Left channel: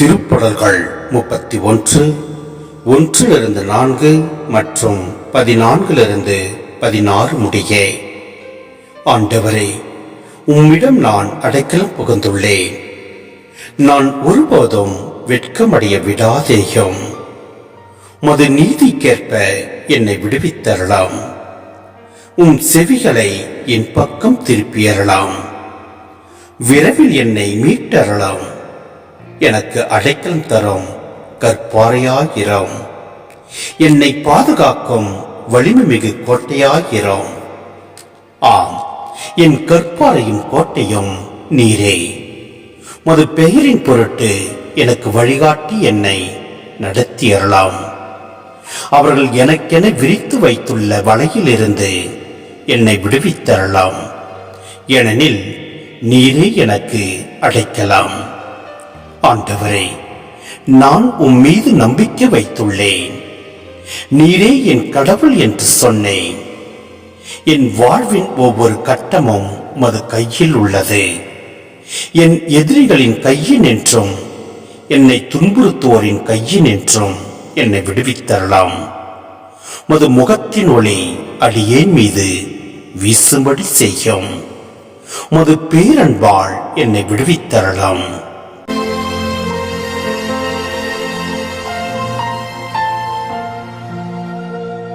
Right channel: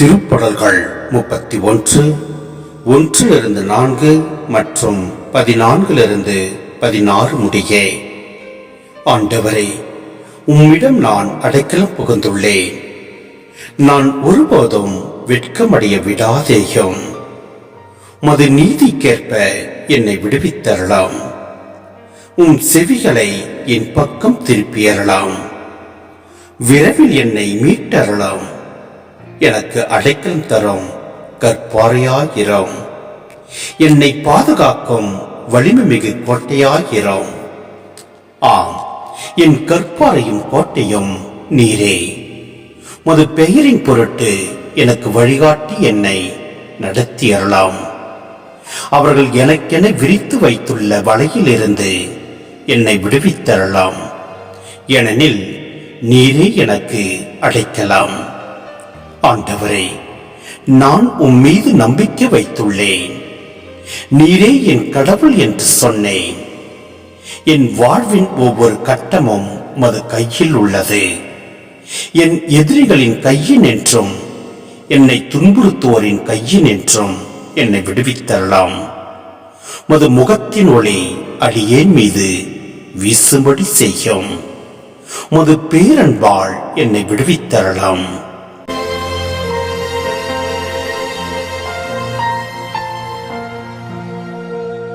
திருப்படல்கள் முப்பத்தி ஒன்று ஒன்றிலிருந்து நான்கு மற்றும் பதினான்கிலிருந்து பதினாறு முடியே. ஆண்டவரே உம்மிடம் நான் அடைக்கலம் புகுந்துள்ளேன். நான் ஒருபோதும் வெட்கமடைய விடாதேயும். மது நீதிக்கேற்ப என்னை விடுவித்தரலாம். உம் செவிகளை என் பக்கம் திருப்பியறலாம் விரைவில் என்னை மீட்டறலாம் எனக்கு அடைக்கலம் தரும். கற்பாறையாயிரம். என்னை பாதுகாக்கும் வலிமை மிகு கோட்டையாயிரம். ஆம் என் கற்பாறையும் கோட்டையும் நீரே. மது பெயரின் பொருட்டு எனக்கு வழிகாட்டி என்னை நடத்தியறலாம் அவர்கள் எனக்கென விரித்து வைத்துள்ள வலையிலிருந்து என்னை விடுவித்தரலாம் ஏனெனில் நீரே எனக்கு அடைக்கலாம். ஆண்டவரே நான் உம் மீது நம்பிக்கை வைத்துள்ளேன். நீரே என் கடவுள் என்று சொன்னேன். என் வாழ்வின் ஒவ்வொரு கட்டமும் மது கையில் உள்ளது. என் எதிரிகளின் கையின் என்றும் என்னை துன்புறுத்துவோரின் கையின் என்றும் என்னை விடுவித்தரலாம். மது முகத்தின் ஒளி அடியேன் மீது வீசும்படி செய்யும். மது பேரன்பால் என்னை விடுவித்தரலாம்.